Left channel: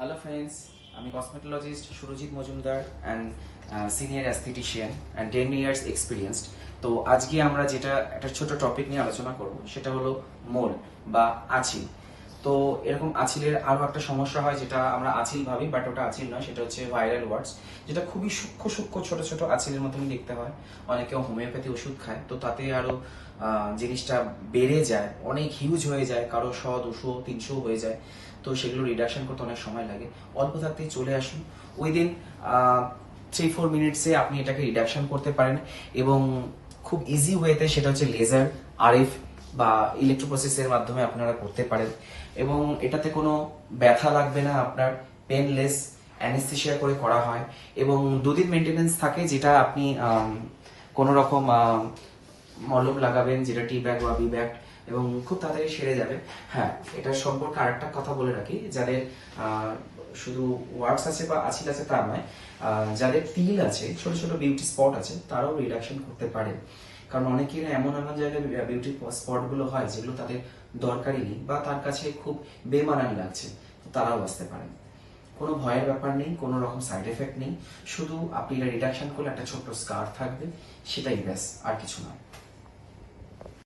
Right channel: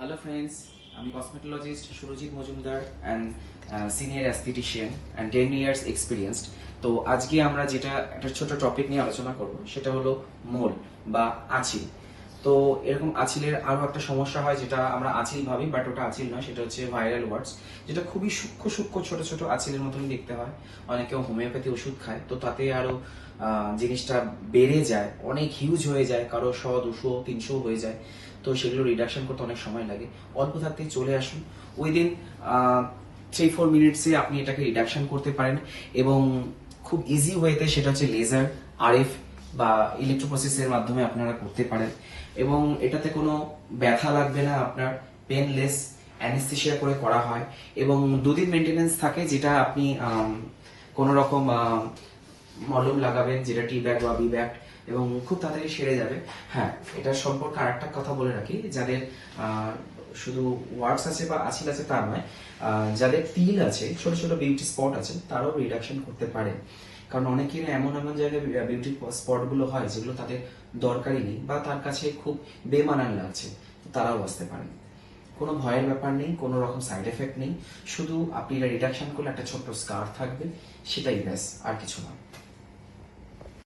Hello friends, আমি cosmetologist Surajit Majumdar and senior aesthetician and 10 years experienced. তো আজকে আমরা যেটা একটা ছোট টপিক নিয়ে আলোচনা করব সেটা হলো মোল বা আঁচিল। তো এরকম আঁচিলের আরো একটা সমস্যা হয় যেটা আমরা আঁচিল ভাবি, বাট ওটা আঁচিল নয়, সেটা হচ্ছে ভাইরাল ওয়ার্ডস, যেটা খুবই সূক্ষ্ম সূক্ষ্ম ছোট ছোট আঁচিলের মতনই দেখতে হয়। অনেকেও হোমিওপ্যাথি ওষুধ খায়, তো তাতে আরো জিনিসটা বেড়ে যায়, অনেক হিউজ হয়ে যায়, কারো 100, 200, 300 হয়ে যায়। তো সেগুলো রিডাকশন করতে অনেক সময় লাগে। অল্প থাকতেই চলে আসুন, উইদিন 3-4 মিনিটসে আপনি এটাকে রিডাকশন করতে পারেন। এবং খুব ইজি ওয়েতে, সেটা হচ্ছে লেজার, আরএফ বা ইলেকট্রোপ্রসেসের মাধ্যমে আপনারা করতে পারেন। এবং এটাতে কোনো ব্যথা লাগবে না, আপনার পেনলেস অ্যানেস্থেশিয়া করে করা হয়। এবং 2 দিন মেনটেনেন্স থাকে, যেটা আপনি কোনো রকম মলম লাগাবেন, যেটা টি ব্যাগ বা বি ব্যাগ, এবং খুব তাড়াতাড়ি সেরে যাবে। হ্যাঁ, এটার সম্পর্কে আরেকটা কথা বলে রাখি, যাদের শুধু ওয়ার্কস আছে বা আঁচিল আছে তা নয়, যাদের তিল আছে, ছোট ছোট বিউটি স্পট আছে, তারাও রিডাকশন করতে পারে। কারণ অনেকের এমন এমন জায়গায় বিউটি স্পট গুলো হয় যেগুলো তাদের দরকারই নেই বা তার কাছে খুব বেমানান লাগছে, তো তারাও আসতে পারেন। কোনো ভয়ের ব্যাপার নেই, কোনো রকম সাইড এফেক্ট নেই, শুধু আপনি এটা রিডাকশন করলে একটা ছোট্ট স্কার থাকবে, সেটাই ব্যাস, আর কিছু নয়।